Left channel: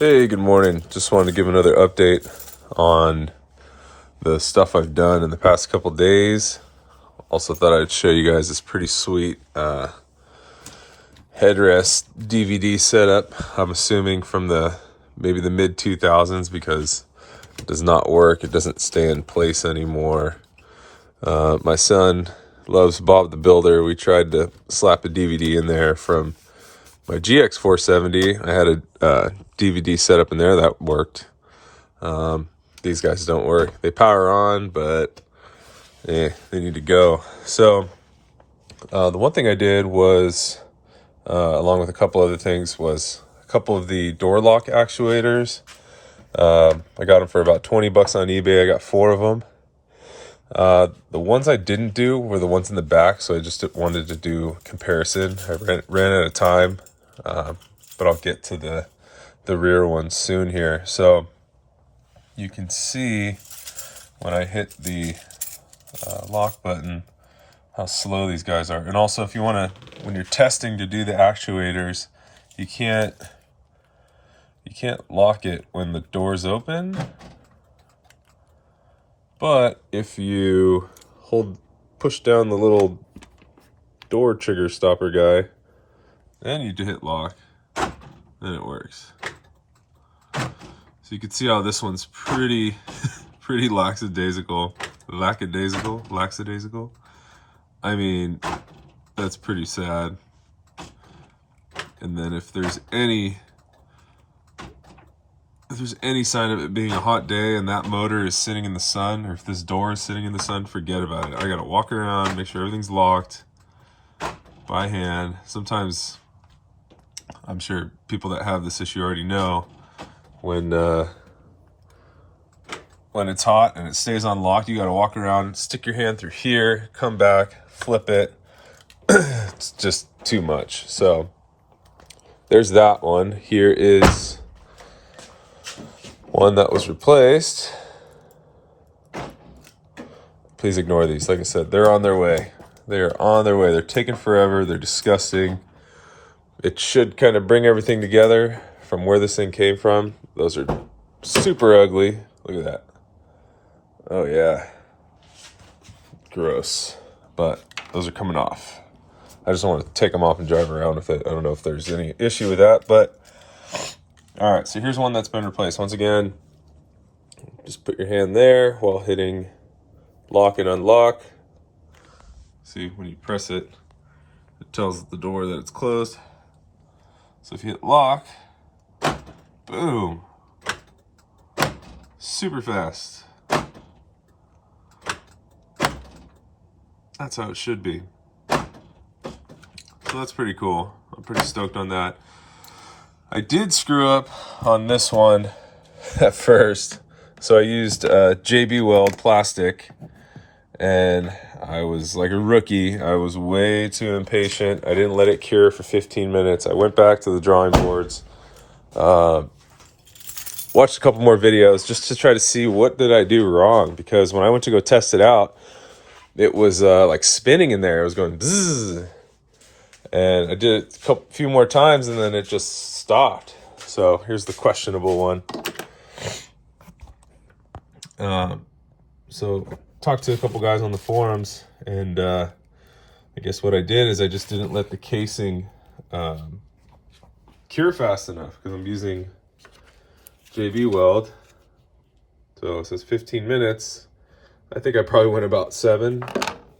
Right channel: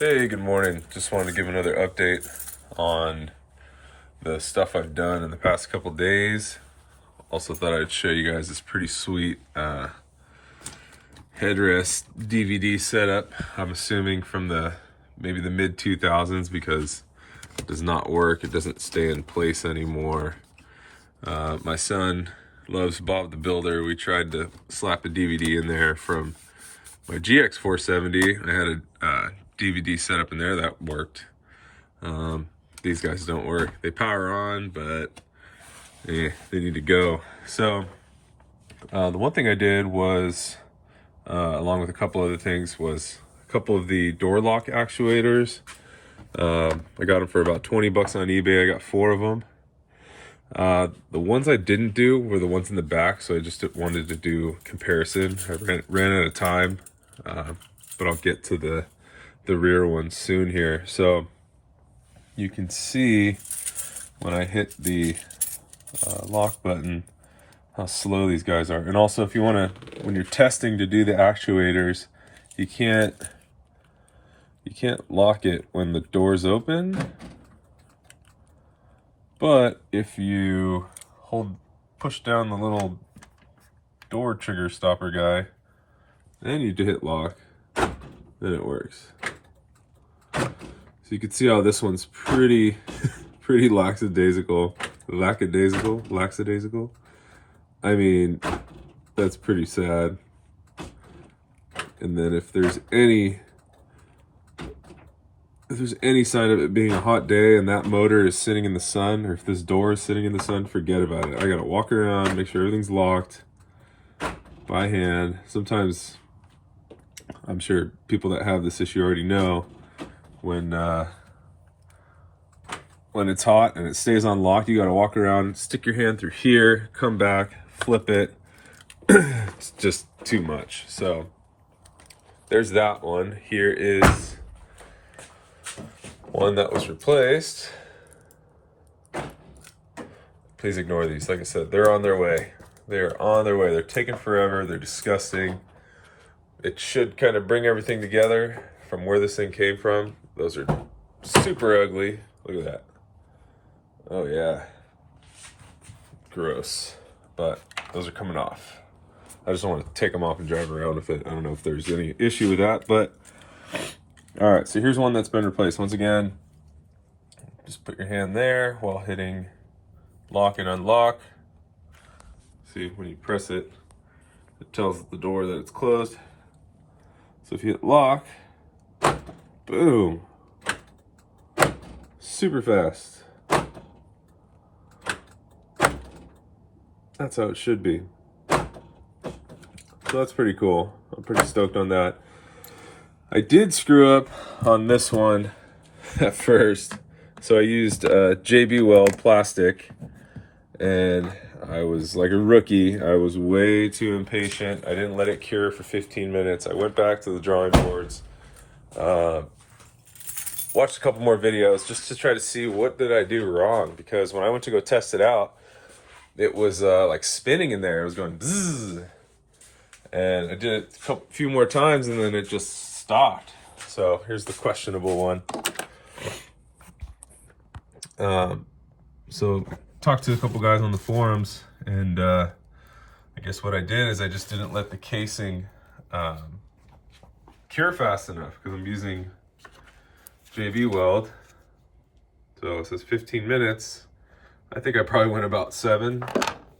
Hey, good morning. Just wanted to give another update on the stuff I've done in the past couple days. Also thought I'd show you guys this pretty sweet headrest DVD setup. I'm assuming from maybe the mid 2000s because it does not work. It doesn't stay in place anymore. My son loves Bob the Builder. We tried to slap a DVD in there from my GX470. I had a DVD set up in there that worked. These guys don't work. They power on, but they need to go. So the one thing I did was, along with a couple other things, was a couple of the door lock actuators. I got them for about 20 bucks on eBay. I got 4 of them. The ones I didn't do were the ones in the back, so I just wanted to do comparison. I ran out of time, but I'll get to the rear ones soon here. So you can see when I hit the lock button how slow these guys are. And also, if you want to, when you're testing to do the actuators, you can't lock it when the door's open. But if you push down the little door trigger stopper guy, and you hit lock, then it works. So you can see how this one's pretty lackadaisical. I mean, that's pretty sad. And then if there's any sign of it being a hot day and that motor is sitting in the sun, or if this door is sitting in the sun, forget about it. I gotta walk around, make sure everything's locked by hand. Sometimes, I'm sure people that have this issue already know, when it's hot and it stays unlocked, you gotta walk around, stick your hand through here, come back, flip it. It's just too much. So there's that one. Here is one that was replaced. Please ignore these. Like I said, they're on their way. They're on their way. They're taking forever. They're disgusting. It should kind of bring everything together from where this thing came from. Those are super ugly. Look at that. Oh yeah. Gross. But those are coming off. I just want to take them off and drive around with it. I don't know if there's any issue with that, but all right, so here's one that's been replaced. Once again, just put your hand there while hitting lock and unlock. See, when you press it, it tells the door that it's closed. So if you hit lock, boom, super fast. That's how it should be. So that's pretty cool. I'm pretty stoked on that. I did screw up on this one at first. So I used JB Weld plastic, and I was like a rookie. I was way too impatient. I didn't let it cure for 15 minutes. I went back to the drawing boards, watched a couple more videos just to try to see what did I do wrong, because when I went to go test it out, it was like spinning in there. It was going bzzz. And I did it a few more times and then it just stopped. So here's the questionable one. So talked to a couple guys on the forums, and I guess what I did is I just didn't let the casing cure fast enough, because I'm using JB Weld. So it says 15 minutes. I think I probably went about 7.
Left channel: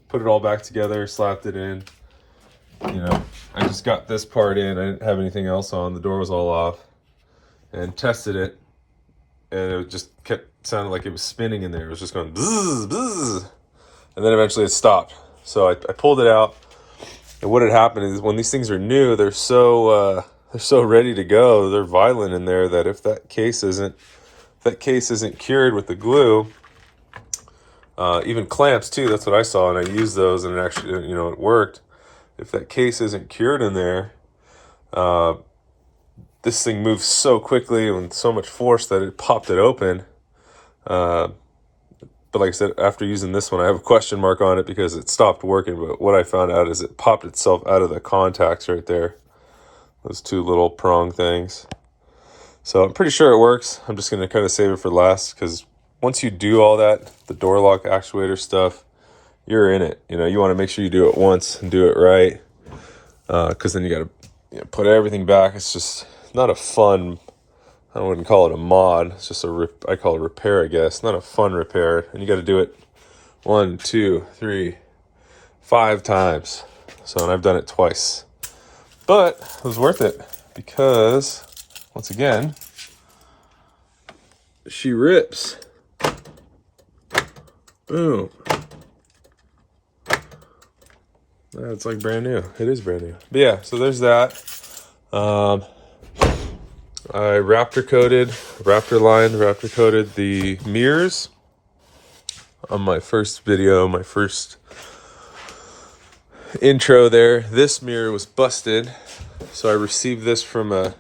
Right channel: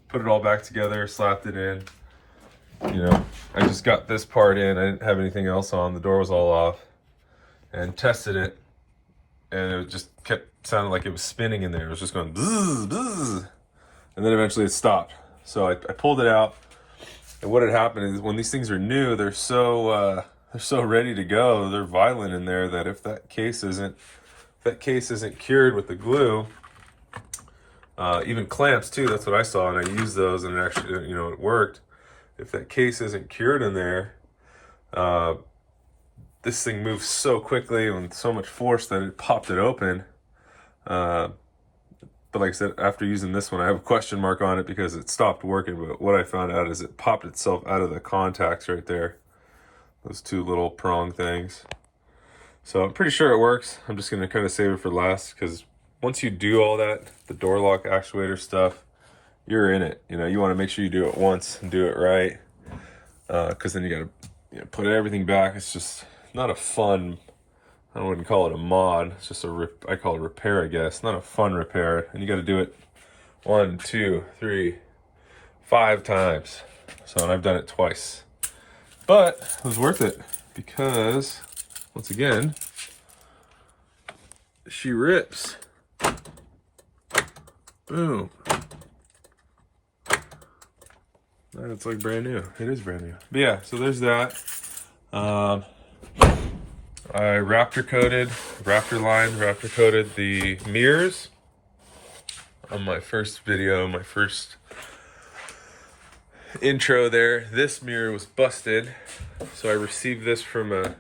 Put it all back together, slapped it in. You know, I just got this part in. I didn't have anything else on. The door was all off, and tested it, and it just kept sounding like it was spinning in there. It was just going bzzz, bzzz, and then eventually it stopped. So I pulled it out, and what had happened is when these things are new, they're so ready to go. They're violent in there that if that case isn't cured with the glue, even clamps too. That's what I saw, and I used those, and it actually, it worked. If that case isn't cured in there, this thing moves so quickly and with so much force that it popped it open. But like I said, after using this one, I have a question mark on it because it stopped working. But what I found out is it popped itself out of the contacts right there. Those 2 little prong things. So I'm pretty sure it works. I'm just going to kind of save it for last, because once you do all that, the door lock actuator stuff, you're in it. You know, you want to make sure you do it once and do it right, because then you got to put everything back. It's just not a fun, I wouldn't call it a mod. It's just I call it repair, I guess. Not a fun repair. And you got to do it 1, 2, 3, 5 times. So, and I've done it twice. But it was worth it because, once again, she rips. Boom. It's like brand new. It is brand new. But yeah, so there's that. I Raptor coated the mirrors on my first video, my first intro there. This mirror was busted, so I received this from a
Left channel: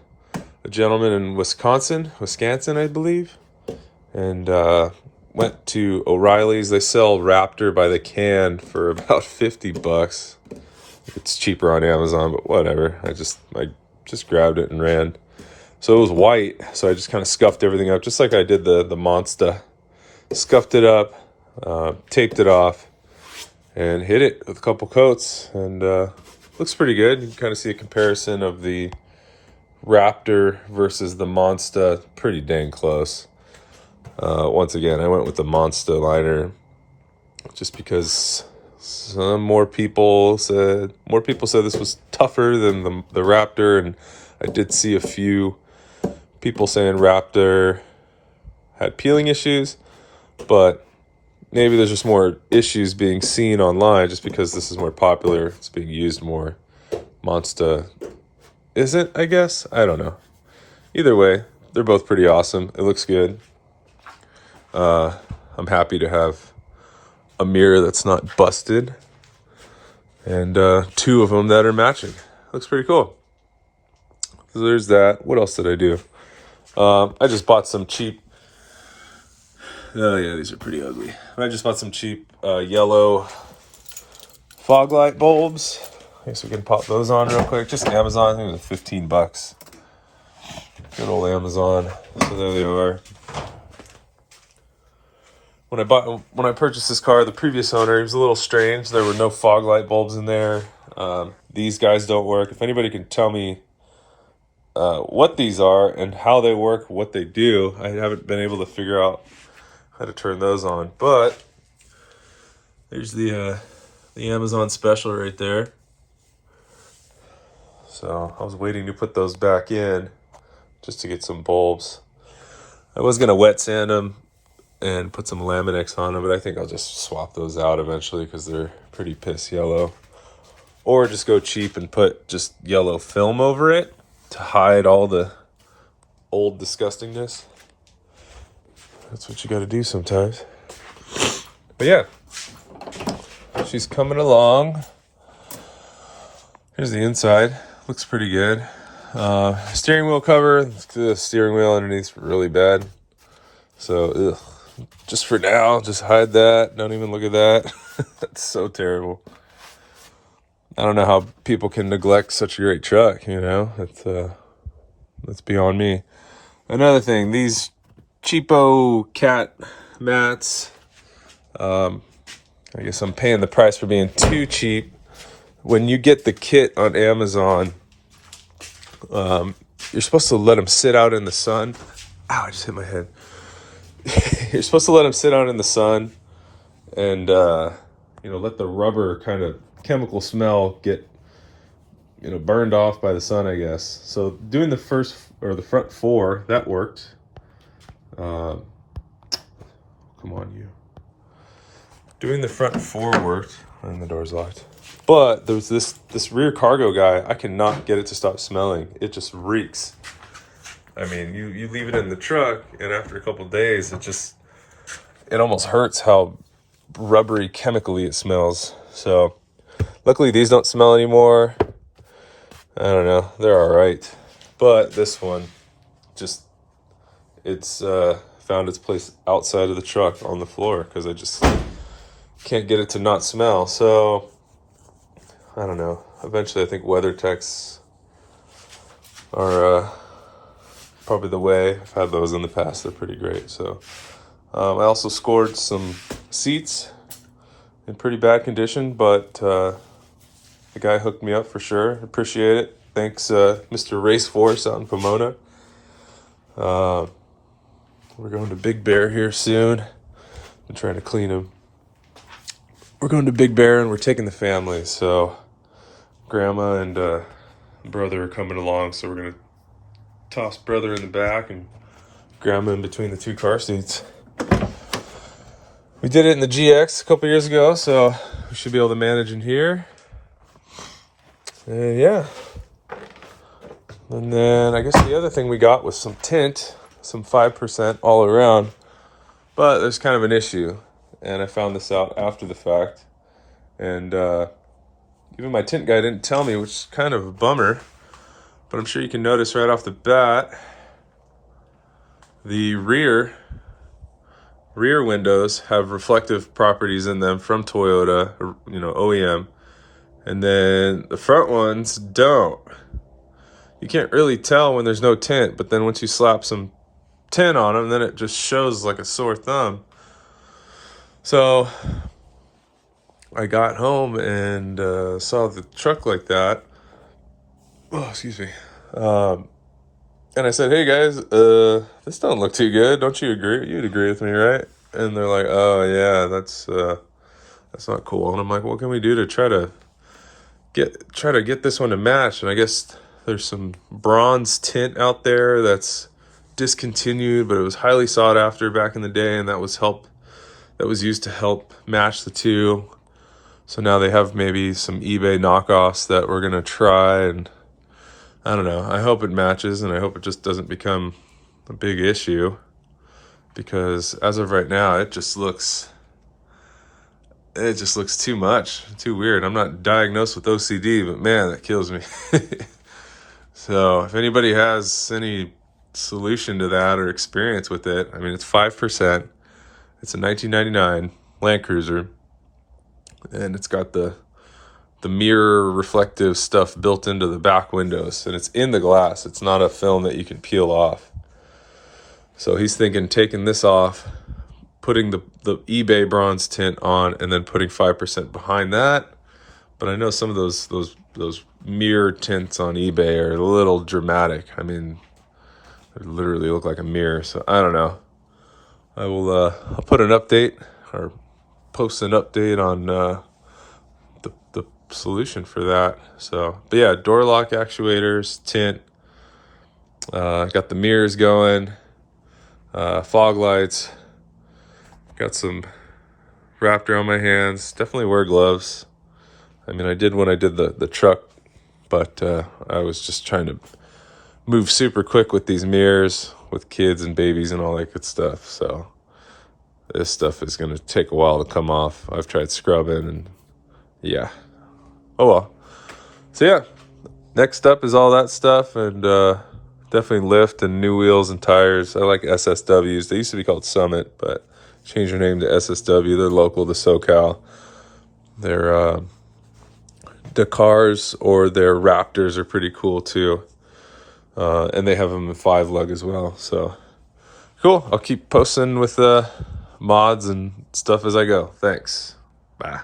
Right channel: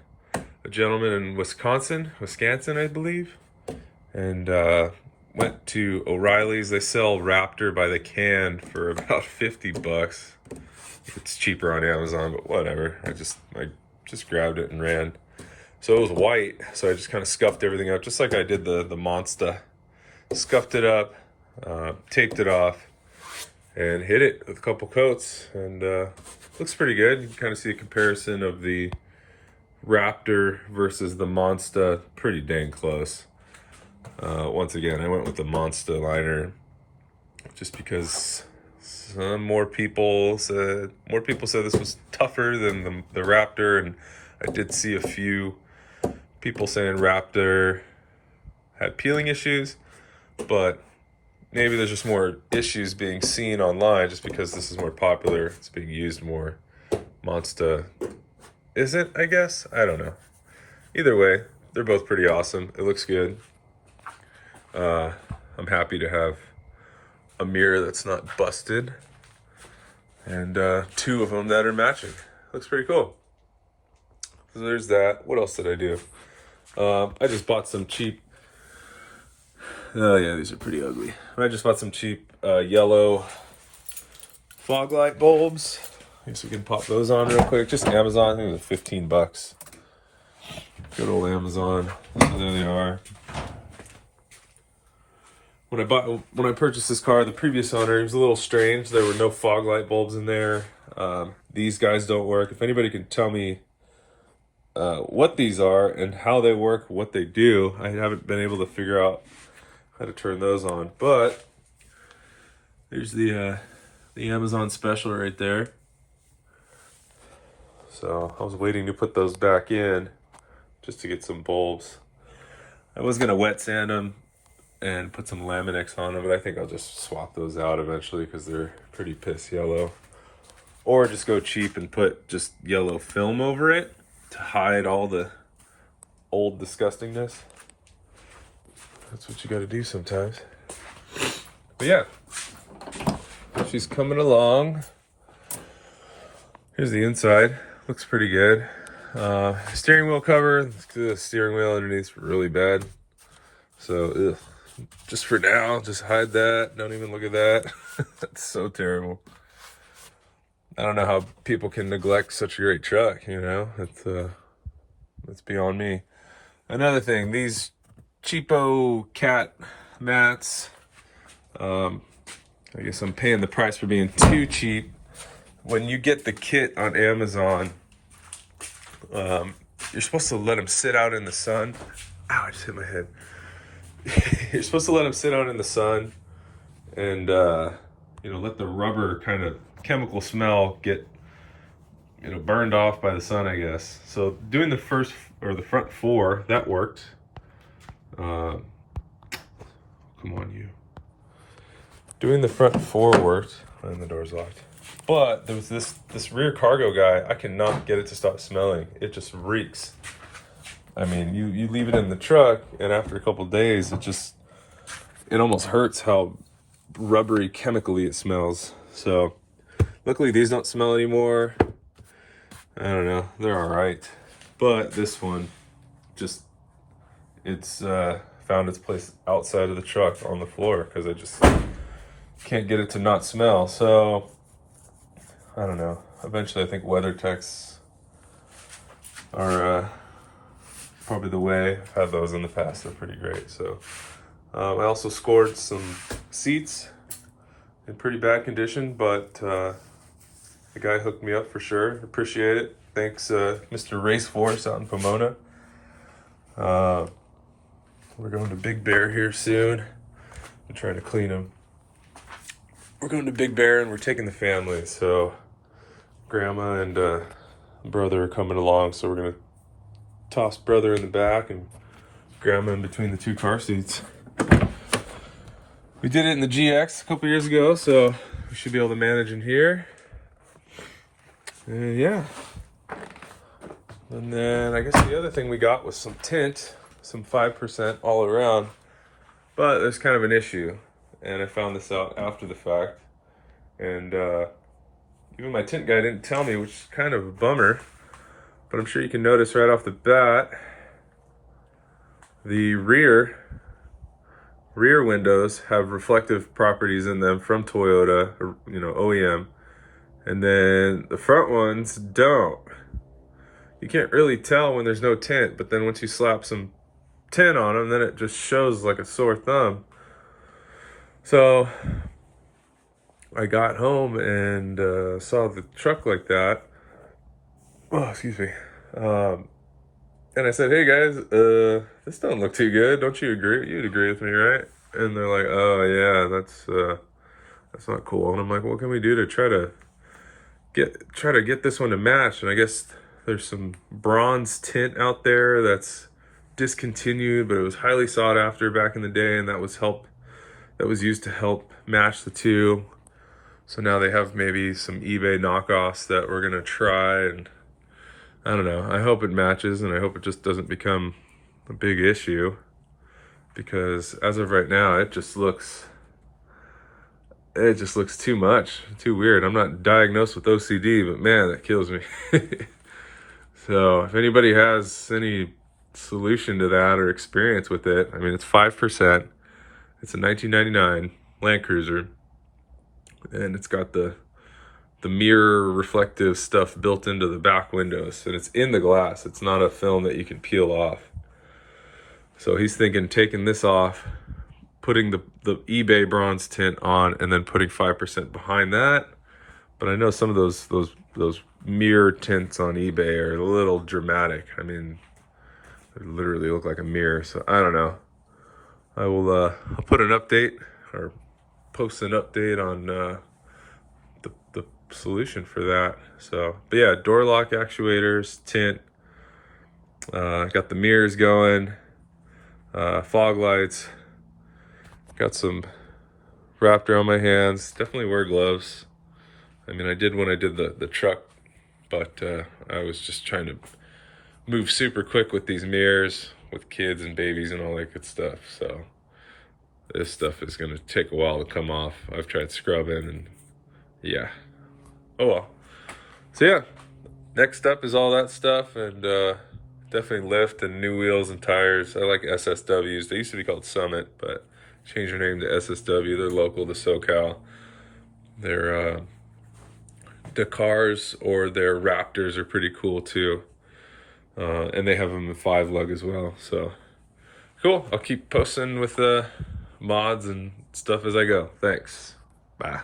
gentleman in Wisconsin, I believe, and went to O'Reilly's. They sell Raptor by the can for about $50. It's cheaper on Amazon, but whatever. I just grabbed it and ran. So it was white, so I just kind of scuffed everything up, just like I did the Monster. Scuffed it up, taped it off, and hit it with a couple coats, and looks pretty good. You can kind of see a comparison of the Raptor versus the Monster, pretty dang close. Once again, I went with the Monster liner just because more people said this was tougher than the Raptor, and I did see a few people saying Raptor had peeling issues, but maybe there's just more issues being seen online just because this is more popular. It's being used more. Monster isn't, I guess. I don't know. Either way, they're both pretty awesome. It looks good. I'm happy to have a mirror that's not busted, and 2 of them that are matching. Looks pretty cool. So there's that. What else did I do? I just bought some cheap. Oh yeah, these are pretty ugly. I just bought some cheap yellow fog light bulbs. I guess we can pop those on real quick. Just Amazon. I think it was $15. Good old Amazon. So there they are. When I purchased this car, the previous owner, he was a little strange. There were no fog light bulbs in there. These guys don't work. If anybody can tell me what these are and how they work, what they do, I haven't been able to figure out how to turn those on. But there's the Amazon special right there. So I was waiting to put those back in just to get some bulbs. I was gonna wet sand them and put some Laminix on them, but I think I'll just swap those out eventually because they're pretty piss yellow. Or just go cheap and put just yellow film over it to hide all the old disgustingness. That's what you got to do sometimes. But yeah, she's coming along. Here's the inside. Looks pretty good. Steering wheel cover. The steering wheel underneath's really bad. So, just for now, just hide that. Don't even look at that. That's so terrible. I don't know how people can neglect such a great truck, you know? That's beyond me. Another thing, these cheapo cat mats. I guess I'm paying the price for being too cheap. When you get the kit on Amazon, you're supposed to let them sit out in the sun. Ow, I just hit my head. You're supposed to let them sit out in the sun and, let the rubber kind of chemical smell get, burned off by the sun, I guess. So doing the front 4, that worked. Come on, you. Doing the front 4 worked, and the door's locked. But there was this rear cargo guy, I cannot get it to stop smelling. It just reeks. I mean, you leave it in the truck, and after a couple of days, it almost hurts how rubbery, chemically it smells. So, luckily these don't smell anymore. I don't know, they're all right. But this one, it's found its place outside of the truck on the floor because I just can't get it to not smell. So, I don't know. Eventually, I think WeatherTechs are probably the way. I've had those in the past. They're pretty great. So I also scored some seats in pretty bad condition, but the guy hooked me up for sure. Appreciate it. Thanks, Mr. Raceforce out in Pomona. We're going to Big Bear here soon. I'm trying to clean him. We're going to Big Bear and we're taking the family. So grandma and brother are coming along. So we're going to toss brother in the back and grandma in between the two car seats. We did it in the GX a couple years ago, so we should be able to manage in here. And yeah. And then I guess the other thing we got was some tint, some 5% all around. But there's kind of an issue. And I found this out after the fact. And even my tint guy didn't tell me, which is kind of a bummer. But I'm sure you can notice right off the bat, the rear windows have reflective properties in them from Toyota, or, OEM. And then the front ones don't. You can't really tell when there's no tint, but then once you slap some tint on them, then it just shows like a sore thumb. So I got home and saw the truck like that. Oh, excuse me. And I said, "Hey guys, this don't look too good. Don't you agree? You'd agree with me, right?" And they're like, "Oh yeah, that's not cool." And I'm like, "What can we do to try to get this one to match?" And I guess there's some bronze tint out there that's discontinued, but it was highly sought after back in the day, and that was used to help match the two. So now they have maybe some eBay knockoffs that we're gonna try, and I don't know. I hope it matches, and I hope it just doesn't become a big issue, because as of right now, it just looks too much, too weird. I'm not diagnosed with OCD, but man, that kills me. So if anybody has any solution to that or experience with it, I mean, it's 5%. It's a 1999 Land Cruiser, and it's got the mirror reflective stuff built into the back windows, and it's in the glass. It's not a film that you can peel off. So he's thinking taking this off, putting the eBay bronze tint on, and then putting 5% behind that. But I know some of those mirror tints on eBay are a little dramatic. I mean, they literally look like a mirror. So I don't know. I'll put an update or post an update on the solution for that. So, but yeah, door lock actuators, tint. Got the mirrors going, fog lights. Got some wrapped around my hands. Definitely wear gloves. I mean, I did when I did the truck, but I was just trying to move super quick with these mirrors, with kids and babies and all that good stuff. So this stuff is going to take a while to come off. I've tried scrubbing and yeah. Oh well. So yeah, next up is all that stuff, and definitely lift and new wheels and tires. I like SSWs. They used to be called Summit, but changed their name to SSW. They're local to SoCal. Their Dakars or their Raptors are pretty cool too. And they have them in 5-lug as well. So cool. I'll keep posting with mods and stuff as I go. Thanks. Bye.